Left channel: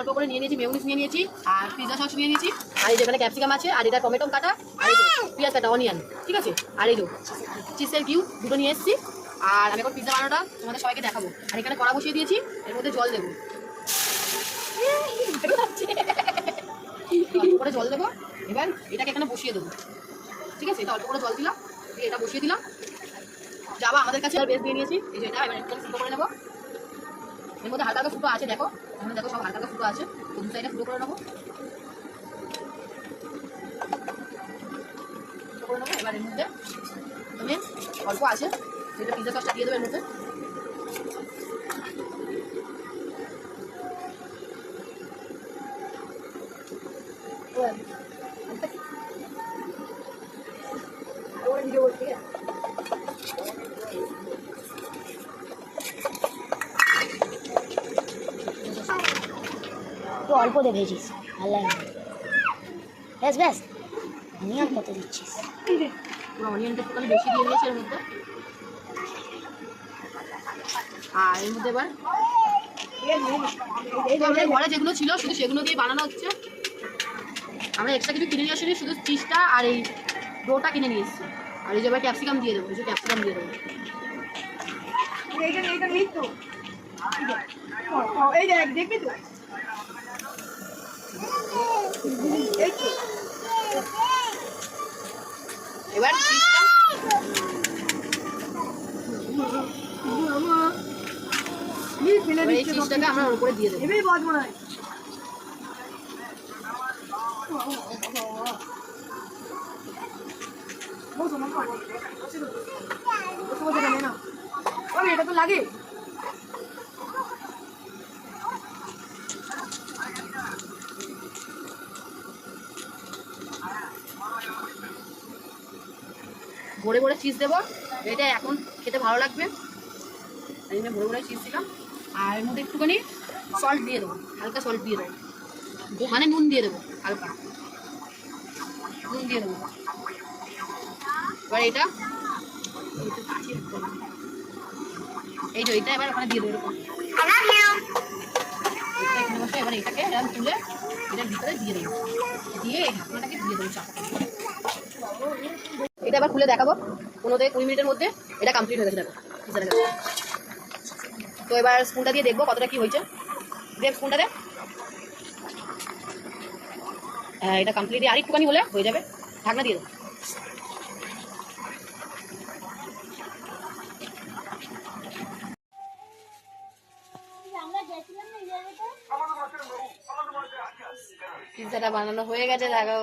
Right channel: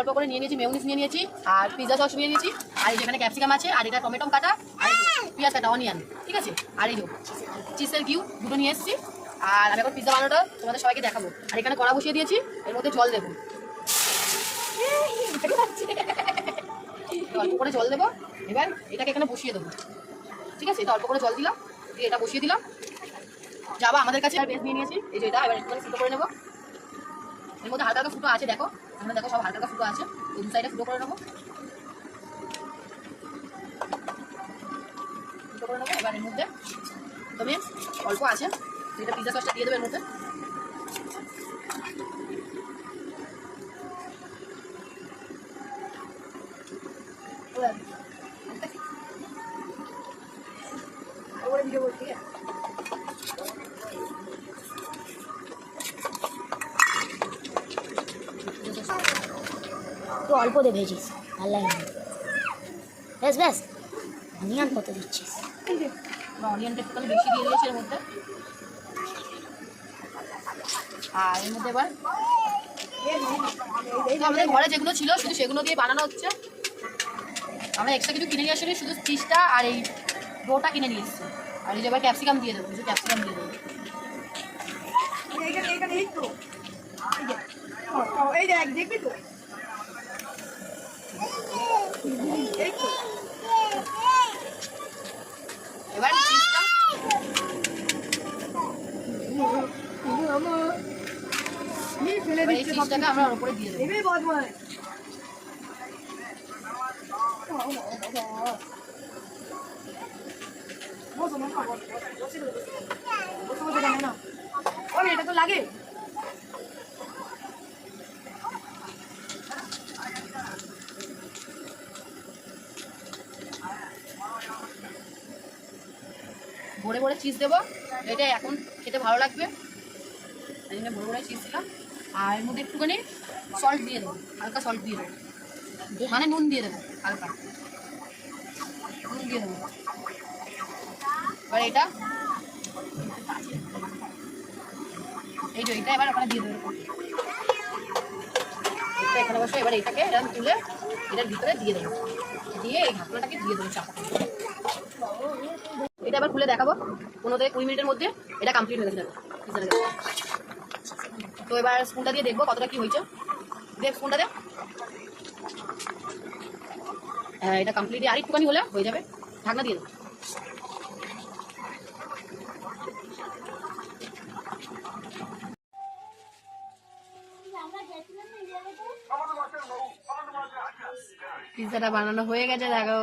অল্প করে নিয়ে নিয়েছি মেয়নিস নিয়ে নিয়েছি, আর পিজা সস নিয়ে নিয়েছি, আর এখানে ক্যাপসিকাম আছে, আর এটা টমেটো কাটা, আর পেঁয়াজ কাটা অনিয়ন ঠিক আছে? আর এই চিজের কিউ দুটো নিয়ে এসেছি, আর আমি এখন পিজা বানানোটা তোমাদের সবাইকে দেখাবো। আর এখানে কড়া বসিয়ে দিয়েছি, এর মধ্যে জল দেবো। অল্প করে জল দেবো, এবার এটাকে এখানে বসিয়ে দেবো। ঠিক আছে? এটা অল্প করে জল দিলাম, দিয়ে এটা বসিয়ে দিলাম। যাবা আমাদের কাছে বেশ দিয়ে নিয়েছি, এই যে এটা, এবার একটু করে নেব। এর মধ্যে হালকা ফুটো আছে, দেখো। এখানে দেখো সব হালকা ফুটো আছে। দু সাইডে ফুটো করে নেব? করে নেব, এবার মধ্যে তুমি অল্প আছে। এটা পিজা সসটা দিয়ে দেবে এর মধ্যে। ওরে ভিডিও বলছি তুই অল্প দে ভেজিস ভালো লাগে না। বেশ বেশ অনিয়ন কত দিচ্ছিস অনিয়নটা একটু বেশি দিয়ে দিয়েছি এর মধ্যে। আর এর মধ্যে এবার যে ঘরে যেগুলো ছিল শুধু সেগুলো দিয়ে বানানো হচ্ছে। আমরা এক্সট্রা কিছু কিনে নিয়ে আসিনি শুধু চিজটা আর এই ডোটা কিনে নিয়ে এসেছি। আর এই যে এবার ক্যাপসিকাম দিয়ে দেবো কিছু ক্যাপসিকাম দিয়ে দেবো। এই তো ও, এই দেখ দেখবি তো? এবার ফেলে এবার দিচ্ছে আমরা উপরে দিয়ে দেবো। এবেই বাজবো না এটা তো লাগে। ভরে ভরে চিজ দেবো। এটা এখন খেতে ভালো লাগবে। এই জন্য ভরে ভরে চিজ দিলাম। আর এর মধ্যে একটুখানি সল্ট দিয়ে দেবো। হালকা সল্ট দিয়ে দেবো। মানে নুন দিয়ে দেবো, হালকা। নুন দিয়ে দেবো। এবার এটা এই যে এটা এবার ওখানে দিয়ে দেবো এটা এখানে বসে এবার এটাকে এরকম তুলে এটার ভিতরে দিয়ে দেবো। দিয়ে এই দিয়ে দেবো এটা আবার খুলে দেখাবো। পনেরো থেকে কুড়ি মিনিটের মধ্যে এটা কমপ্লিট হয়ে গেছে তো এবার স্পুনটা দিয়ে দেখব কতটা কি হয়েছে। দেখ স্পুনটা হ্যাঁ এটা কমপ্লিট আর একটুখানি হলে হয়ে যাবে। ঢাকনা দিয়ে দেবো বানানো হয়ে গেছে, দেখো।